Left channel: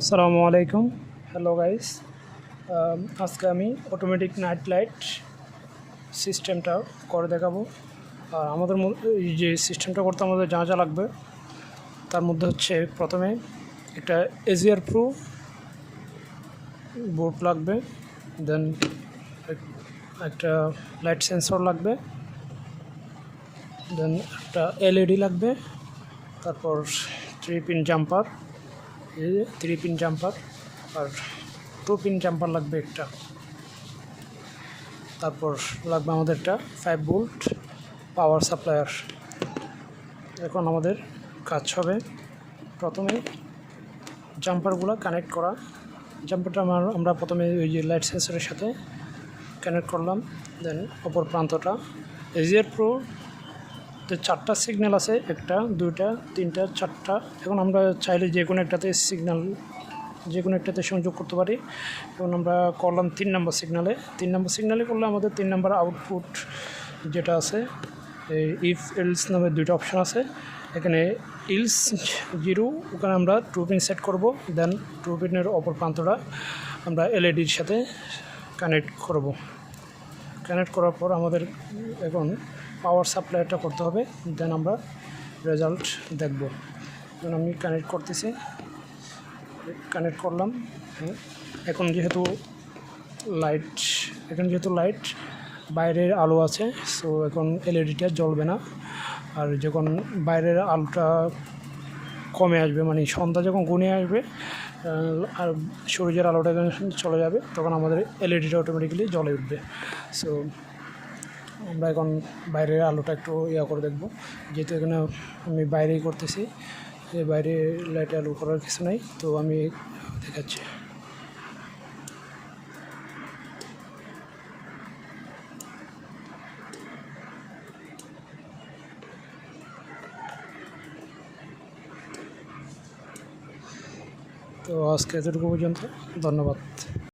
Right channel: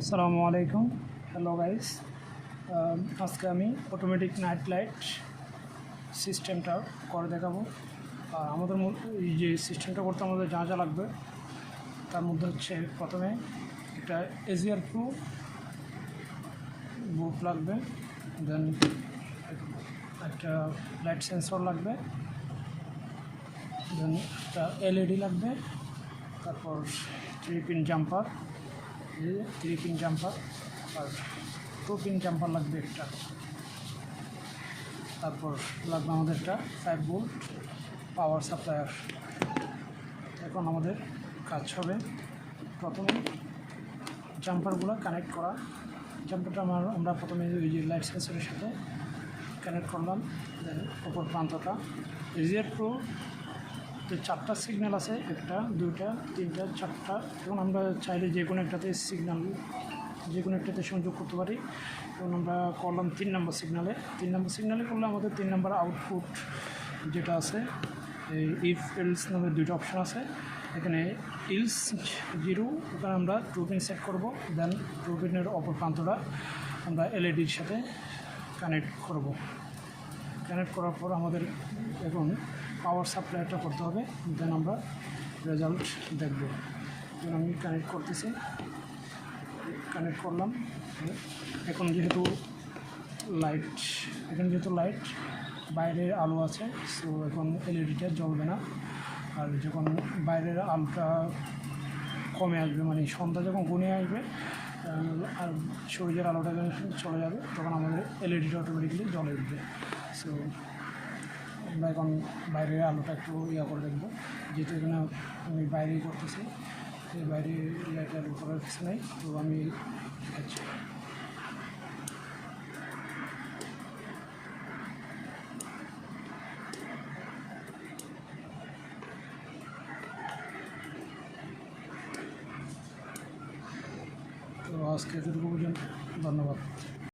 আসসালামু আলাইকুম। Hello guys, আজকে আমি অটোমেটিক নাইট লাইট সিস্টেমটা করে দেখাবো। আর আমাদের এই যে সিস্টেমটা করতে আমাদের যা যা লাগবে তার মধ্যে হচ্ছে প্রথমে একটা এজিআর প্রো বোর্ড লাগবে, দেন একটা লাইট সেন্সর লাগবে, দেন একটা এলইডি লাগবে, তারপর 3 পিন জাম্পার, এই 3 পিন জাম্পার আর 2 পিন জাম্পার লাগবে একটা, তারপর লাগবে আমাদের একটা 5 ভোল্ট পাওয়ার সাপ্লায়ার। এখন আমাদের কাজ হবে প্রথমে জাম্পারগুলো কানেক্ট করা। জাম্পারটা আমরা প্রথমে ওই যে লাইট সেন্সরের সাথে কানেক্ট করলাম, দেন অপর প্রান্তটা এজিআর প্রো 4টা সিগন্যাল আছে, 1টা 2টা 3টা 4টা। এখন আমরা চাইলে যে কোনো একটাতে সংযোগ করতে পারি। এখন আমরা করলাম 3 নম্বর সিগন্যালে করলে আমাদের 3 নম্বর আউটপুট যেটা আছে, এই ইফ এলস নামে 2টা অপশান আছে। এখানে ইলস 0, ওখানে আমরা 2 পিন সেট করব, দেন 2 পিনের অপর প্রান্তটা আমরা এলইডির সাথে কানেক্ট করার পর আমাদের এখন পাওয়ার সাপ্লাইটা করতে হবে, দেন আমরা রেজাল্ট দেখব। এখন আমি কানেক্ট করলাম। এখন যেহেতু লাইট বাইরের আলো আছে, সো এখন এলইডিটা জ্বলবে না। আর যখন বাইরের আলোটা কমে আসবে, মানে সন্ধ্যা যখন ঘনিয়ে আসবে আর সূর্যের আলোটা যখন চলে যাবে, তখন আমাদের এলইডিটা অটোমেটিক্যালি জ্বলে উঠবে। সো আমরা এখন বাইরের আলোটা একটু করে দেখব, যেহেতু এখানে আমি বাইরেই করতেছি, বাইরে লাইট আলো করার কিছু নেই, তো আমি দেখাচ্ছি। তো আজকে এতটুকু পর্যন্ত, ধন্যবাদ।